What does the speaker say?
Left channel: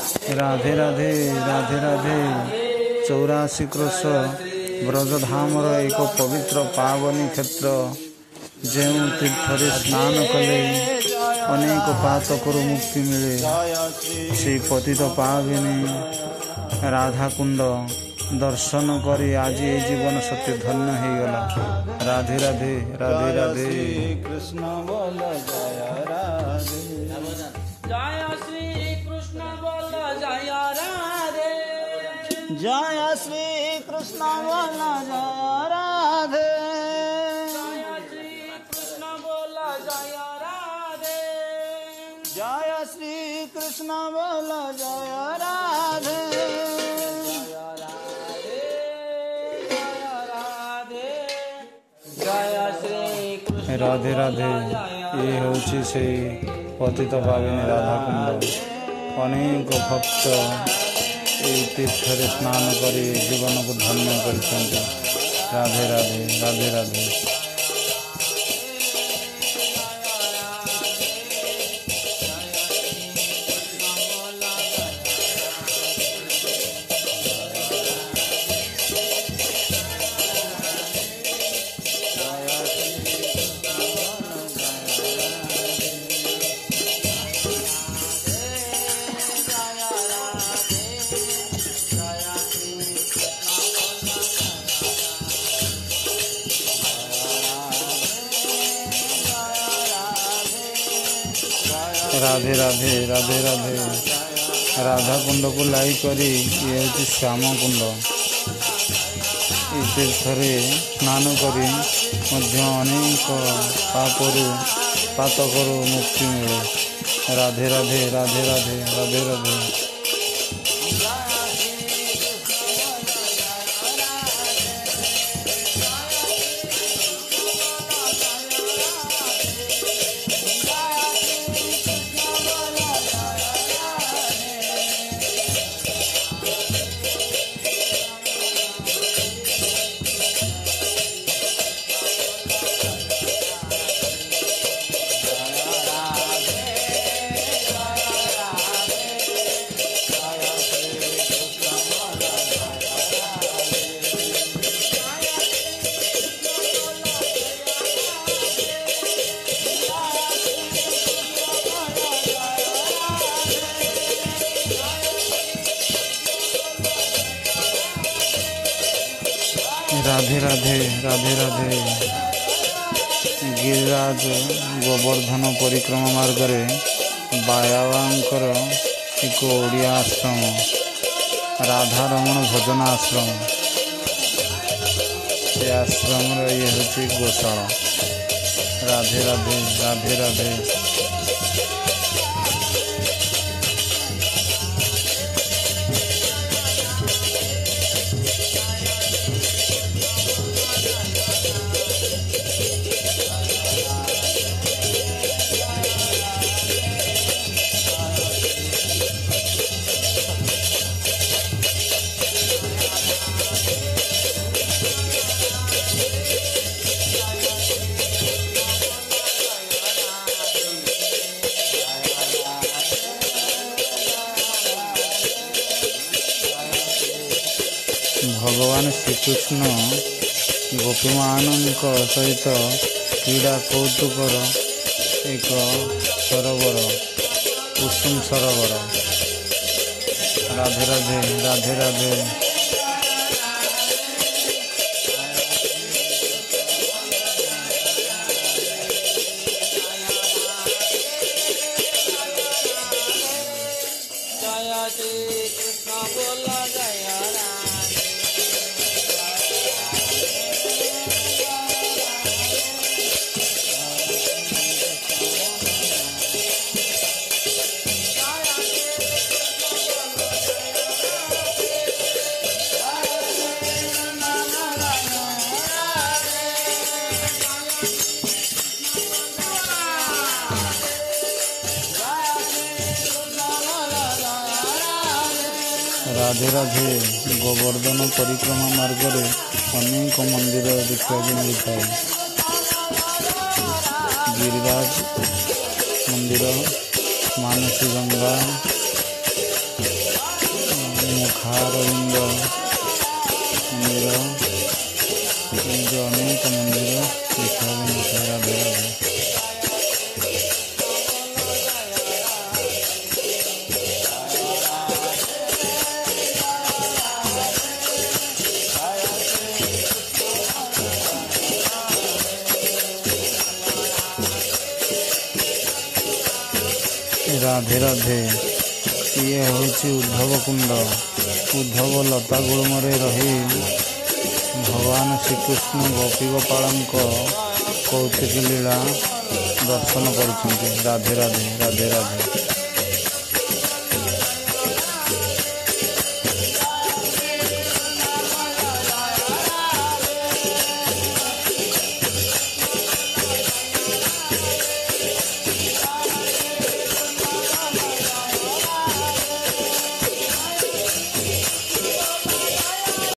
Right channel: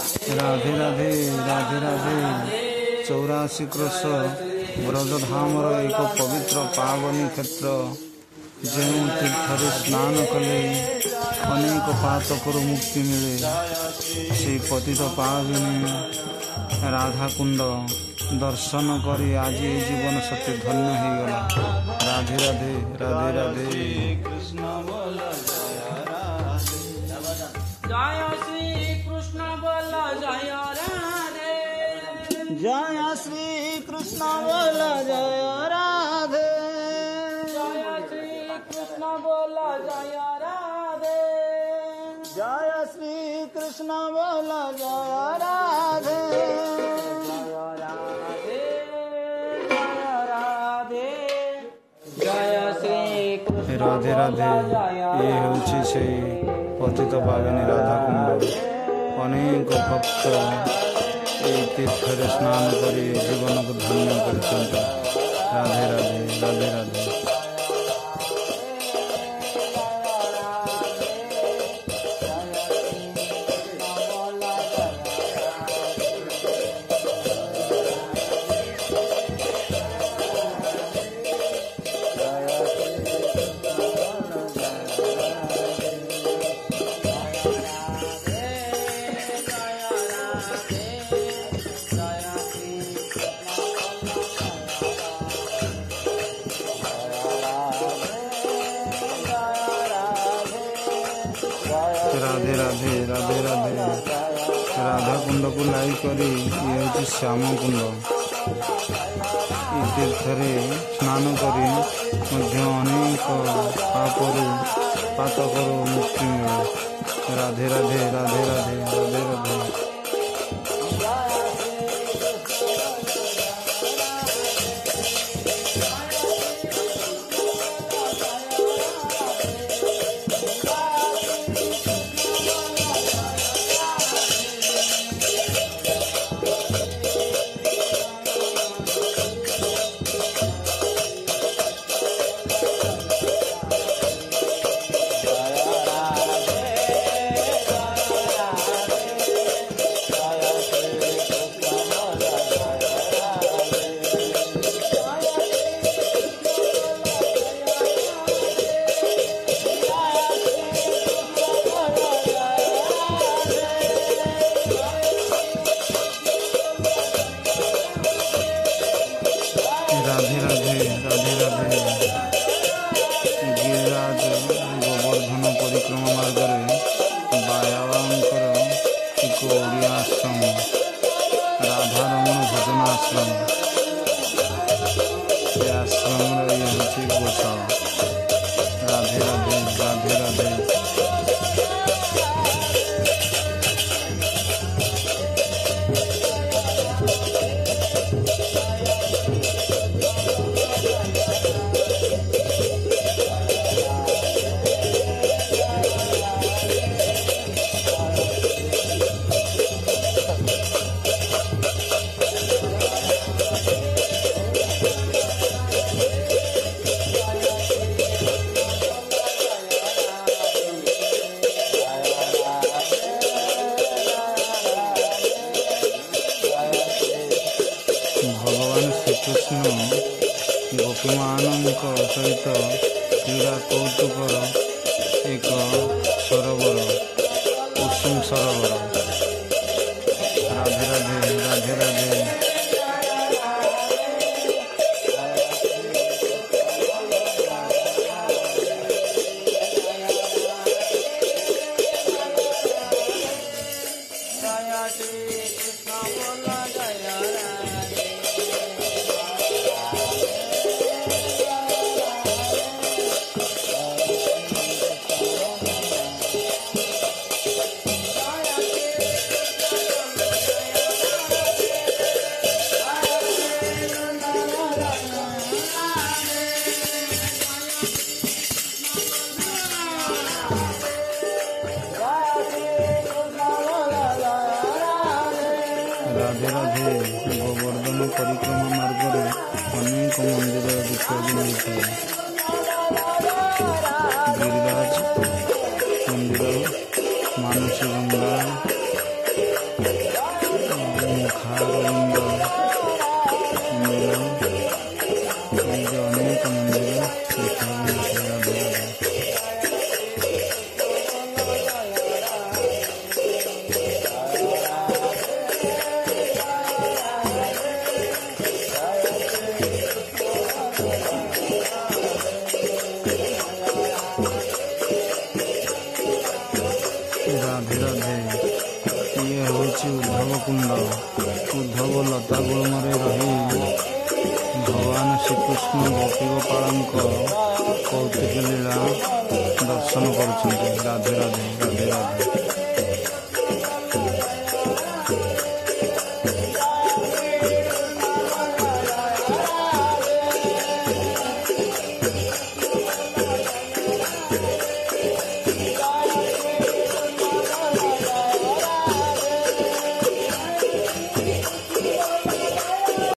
Radhe Radhe Radhe Radhe 84 crochet ब्रजधामर एक पवित्र पावनी क्षेत्र जो तीर्थ स्नान कले अनेक पातकर मुक्ति मिले से पतित पाविनी राधाकुंड दर्शन करी आज ये जीवन सत्य धन्य हो गला। राधे राधे राधे राधे कृष्ण बोल जय श्री कृष्ण बोल जय राधे जय श्री कृष्ण बोल जय राधे जय श्री कृष्ण बोल जय राधे जय श्री कृष्ण बोल जय राधे राधे राधे ये हूँ से पतित पाविनी राधाकुंड अनेक भक्त ये तीर्थ स्नान करी जीवन को धन्य कर। राधे राधे राधे राधे राधे राधे राधे राधे राधा कुंड को लाई करी ये हूँ श्याम कुंड तीर्थ स्नान करी अनेक पातकर मुक्ति मिले। राधे राधे राधे राधे राधे राधे राधे राधे राधे राधे गिरिराज गोवर्धन परिक्रमा मार्ग बायाबांकर एक ओडिया आश्रम राधा रमण भजन आश्रम ये आश्रम ये हूँ गोशाला। राधे राधे राधे राधे भगवान श्रीकृष्ण गोपीमान सहित क्रीड़ा कौतुकर एक सरोवर कुसुम सरोवर। राधे राधे राधे राधे राधे राधे गोवर्धन परिक्रमा मार्ग अनेक मंदिर देखा मिलता है। गिरिराज मंदिर, मानसी गंगा, ମୁଖାରବିନ୍ଦ ମନ୍ଦିର, ଏମିତି ଅନେକ ମନ୍ଦିର ଦେଖିବାକୁ ମିଳିଥାଏ। ରାଧେ ରାଧେ। ରାଧେ ରାଧେ। ଇଏ ହେଉଛି ଉଦ୍ଧବ କୁଣ୍ଡ। ଉଦ୍ଧବ ଲତା ଗୁଳ୍ମରେ ରହି ଭଗବାନ ଶ୍ରୀକୃଷ୍ଣ ଗୋପୀଗୋପାଳଙ୍କ କୌତୁକ ଲୀଳା ଦର୍ଶନ କରୁଛନ୍ତି। ରାଧେ ରାଧେ ରାଧେ ରାଧେ।